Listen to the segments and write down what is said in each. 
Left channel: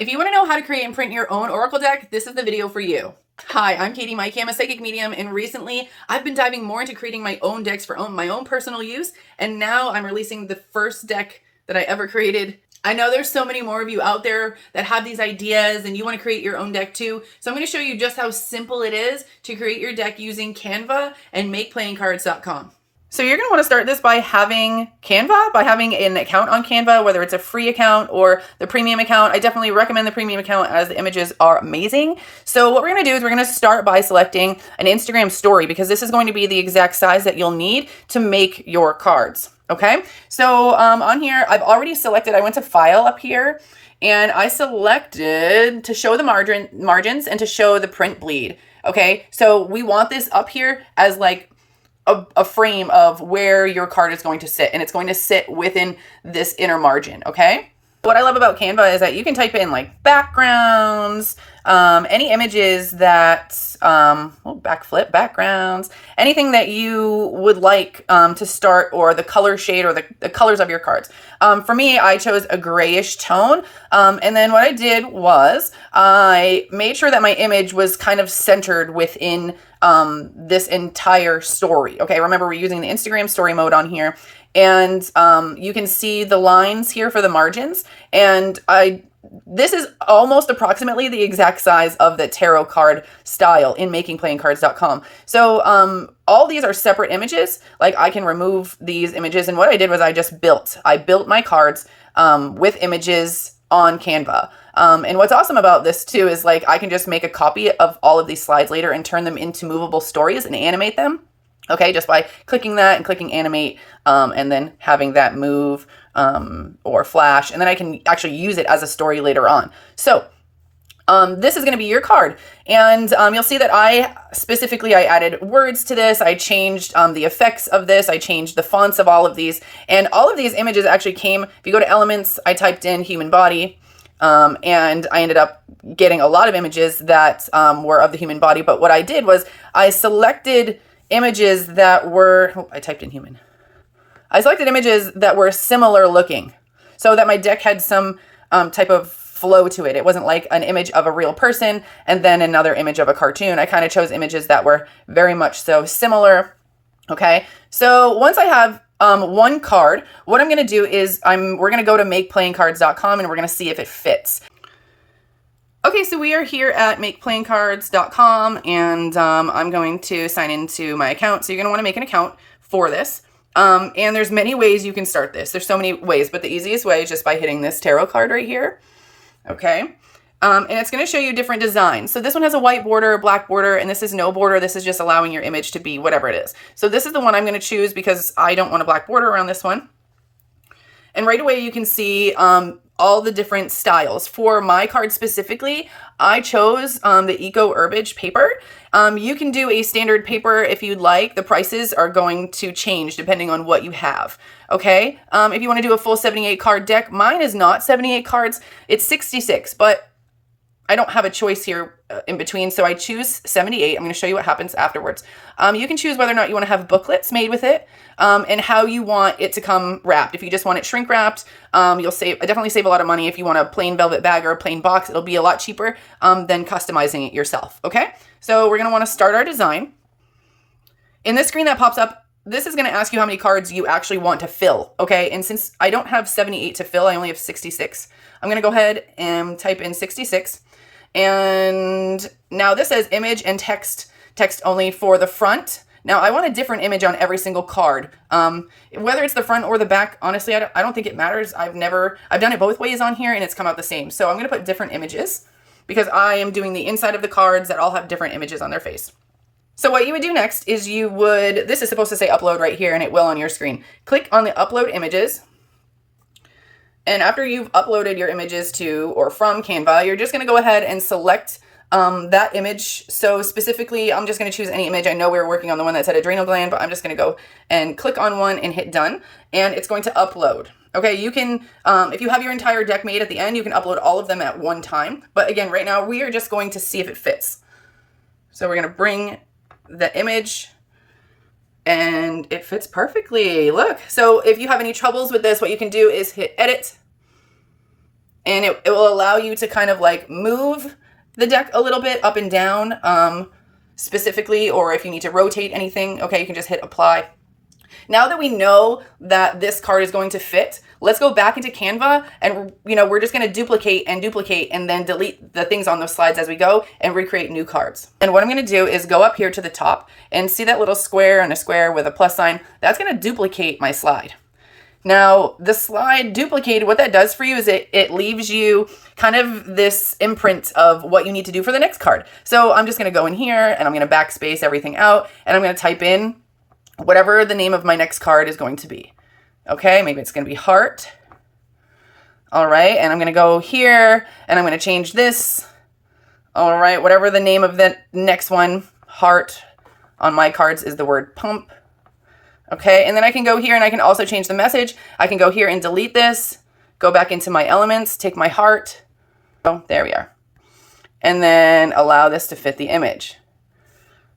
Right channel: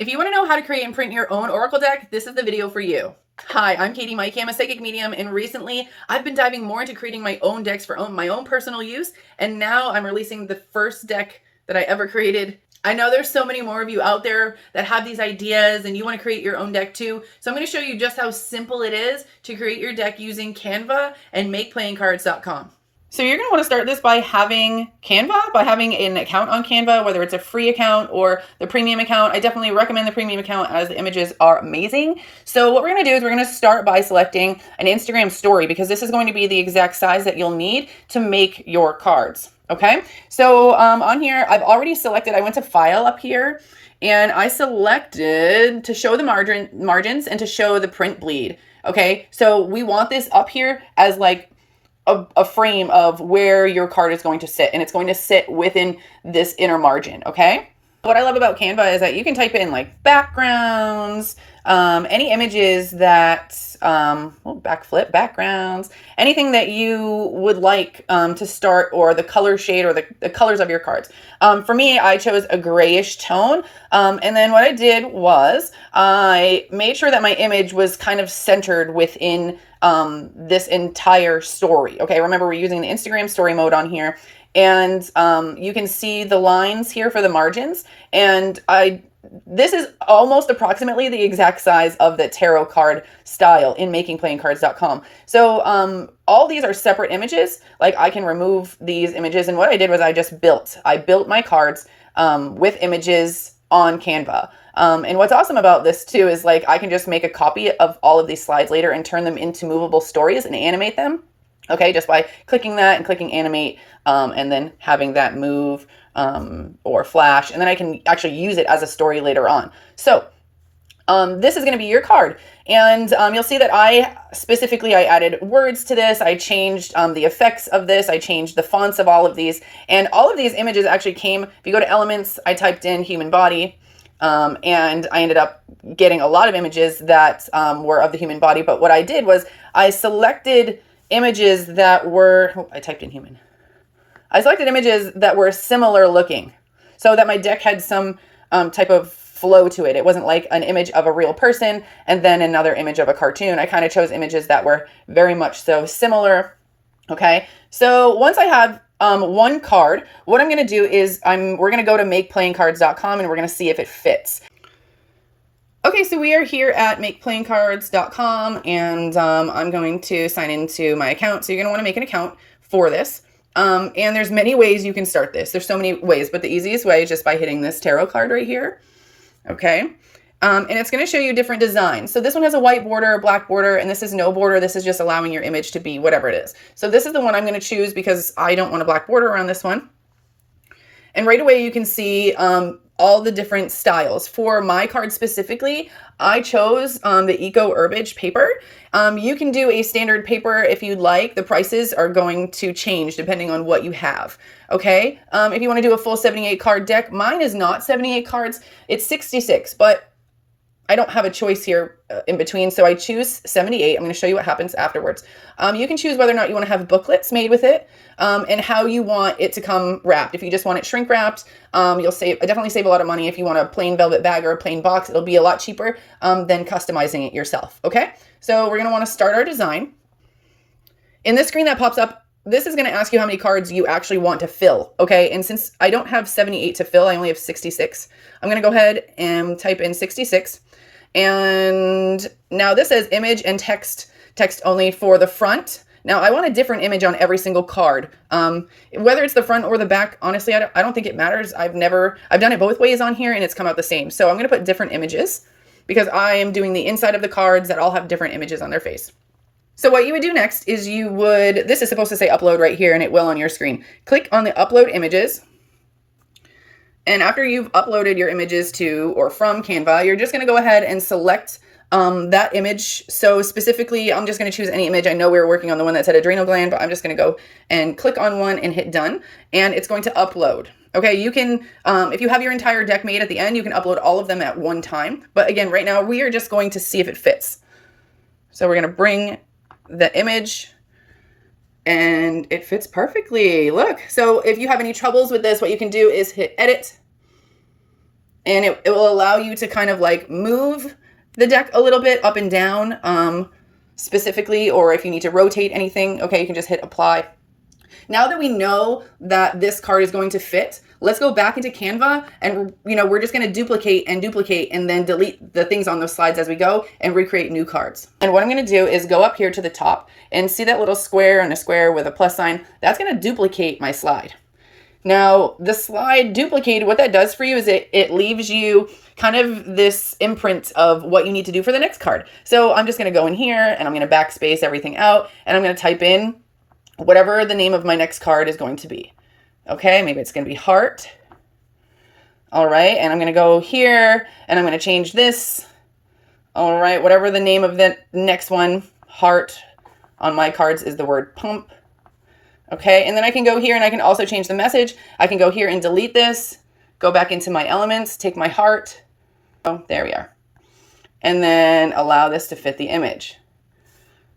If you want to know how to create and print your own Oracle deck, this is the video for you. Hi, I'm Katie Mike. I'm a psychic medium, and recently I've been diving more into creating my own decks for my own personal use, and now I'm releasing the first deck that I ever created. I know there's so many more of you out there that have these ideas and you want to create your own deck too. So I'm going to show you just how simple it is to create your deck using Canva and Makeplan So you're going to want to start this by having Canva, by having an account on Canva, whether it's a free account or the premium account. I definitely recommend the premium account as the images are amazing. So what we're going to do is we're going to start by selecting an Instagram story because this is going to be the exact size that you'll need to make your cards. Okay, so on here, I've already selected, I went to File up here, and I selected to show the margins and to show the print bleed. Okay, so we want this up here as like a frame of where your card is going to sit, and it's going to sit within this inner margin, okay? What I love about Canva is that you can type in like backgrounds, any images that, backflip, backgrounds, anything that you would like to start, or the color shade or the colors of your cards. For me, I chose a grayish tone, and then what I did was I made sure that my image was kind of centered within this entire story. Okay, remember we're using the Instagram story mode on here, and you can see the lines here for the margins, and this is almost approximately the exact size of the tarot card style in makeplancards.com. So all these are separate images. Like I can remove these images, and what I did was I built my cards with images on Canva. And what's awesome about this too is like I can just make a copy of all of these slides later and turn them into movable stories and animate them. Okay, just by clicking that and clicking animate, and then having that move or flash, and then I can actually use it as a story later on. So this is going to be your card, and you'll see that I added words to this. I changed the effects of this. I changed the fonts of all of these, and all of these images actually came, if you go to elements, I typed in human body, and I ended up getting a lot of images that were of the human body. But what I did was I selected images that were, I typed in human. I selected images that were similar looking so that my deck had some type of flow to it. It wasn't like an image of a real person and then another image of a cartoon. I kind of chose images that were very much so similar. Okay, so once I have one card, what I'm going to do is we're going to go to makeplancards.com and we're going to see if it fits. Okay, so we are here at makeplancards.com, and I'm going to sign into my account. So you're going to want to make an account for this. And there's many ways you can start this. There's so many ways, but the easiest way is just by hitting this tarot card right here. Okay. And it's going to show you different designs. So this one has a white border, a black border, and this is no border. This is just allowing your image to be whatever it is. So this is the one I'm going to choose because I don't want a black border around this one. And right away you can see all the different styles. For my card specifically, I chose the Eco Herbage paper. You can do a standard paper if you'd like. The prices are going to change depending on what you have. Okay, if you want to do a full 78 card deck, mine is not 78 cards, it's 66, but I don't have a choice here in between, so I choose 78. I'm going to show you what happens afterwards. You can choose whether or not you want to have booklets made with it, and how you want it to come wrapped. If you just want it shrink wrapped, you'll definitely save a lot of money. If you want a plain velvet bag or a plain box, it'll be a lot cheaper than customizing it yourself. Okay, so we're going to want to start our design. In this screen that pops up, this is going to ask you how many cards you actually want to fill. Okay, and since I don't have 78 to fill, I only have 66. I'm going to go ahead and type in 66. And now this says image and text only for the front. Now I want a different image on every single card. Whether it's the front or the back, honestly, I don't think it matters. I've done it both ways on here and it's come out the same. So I'm going to put different images because I am doing the inside of the cards that all have different images on their face. So what you would do next is this is supposed to say upload right here, and it will on your screen. Click on the upload images. And after you've uploaded your images to or from Canva, you're just going to go ahead and select that image. So specifically, I'm just going to choose any image. I know we were working on the one that said adrenal gland, but I'm just going to go and click on one and hit done. And it's going to upload. Okay, you can, if you have your entire deck made at the end, you can upload all of them at one time. But again, right now, we are just going to see if it fits. So we're going to bring the image and it fits perfectly. Look, so if you have any troubles with this, what you can do is hit edit and it will allow you to kind of like move the deck a little bit up and down, specifically, or if you need to rotate anything, okay, you can just hit apply. Now that we know that this card is going to fit, let's go back into Canva and, we're just going to duplicate and then delete the things on those slides as we go and recreate new cards. And what I'm going to do is go up here to the top and see that little square and a square with a plus sign. That's going to duplicate my slide. Now, the slide duplicated, what that does for you is it leaves you kind of this imprint of what you need to do for the next card. So I'm just going to go in here and I'm going to backspace everything out and I'm going to type in whatever the name of my next card is going to be. Okay, maybe it's going to be heart. All right, and I'm going to go here and I'm going to change this. All right, whatever the name of the next one, heart on my cards is the word pump. Okay, and then I can go here and I can also change the message. I can go here and delete this, go back into my elements, take my heart. Oh, there we are. And then allow this to fit the image.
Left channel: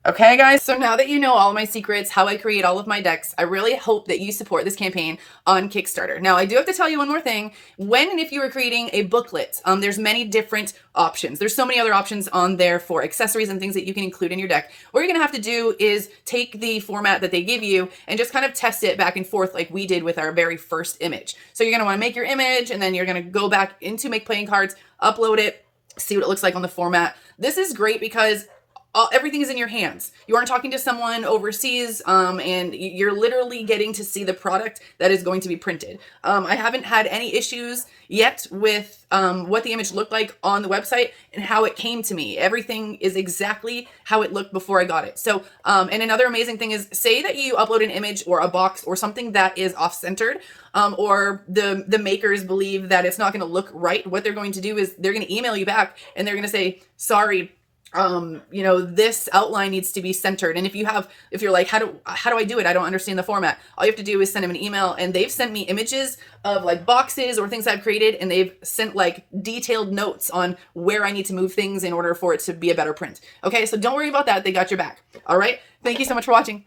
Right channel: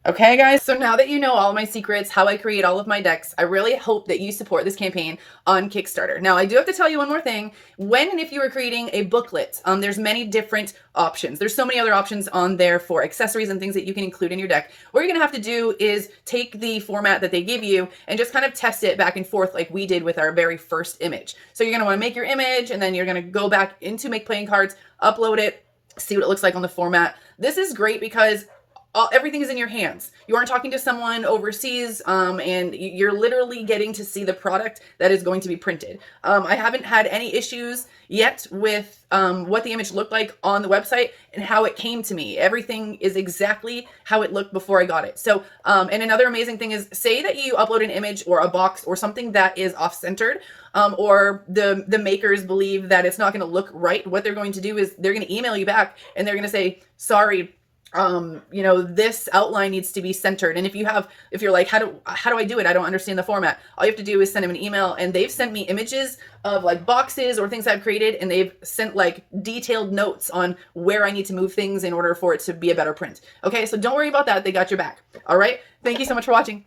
Okay, guys, so now that you know all my secrets, how I create all of my decks, I really hope that you support this campaign on Kickstarter. Now, I do have to tell you one more thing. When and if you are creating a booklet, there's many different options. There's so many other options on there for accessories and things that you can include in your deck. What you're gonna have to do is take the format that they give you and just kind of test it back and forth like we did with our very first image. So you're gonna wanna make your image and then you're gonna go back into Makeplan Cards, upload it, see what it looks like on the format. This is great because everything is in your hands. You aren't talking to someone overseas, and you're literally getting to see the product that is going to be printed. I haven't had any issues yet with what the image looked like on the website and how it came to me. Everything is exactly how it looked before I got it. So, and another amazing thing is, say that you upload an image or a box or something that is off-centered, or the makers believe that it's not going to look right. What they're going to do is they're going to email you back and they're going to say, sorry, this outline needs to be centered. And if you're like, how do I do it? I don't understand the format. All you have to do is send them an email, and they've sent me images of like boxes or things I've created, and they've sent like detailed notes on where I need to move things in order for it to be a better print. Okay, so don't worry about that. They got your back. All right. Thank you so much for watching.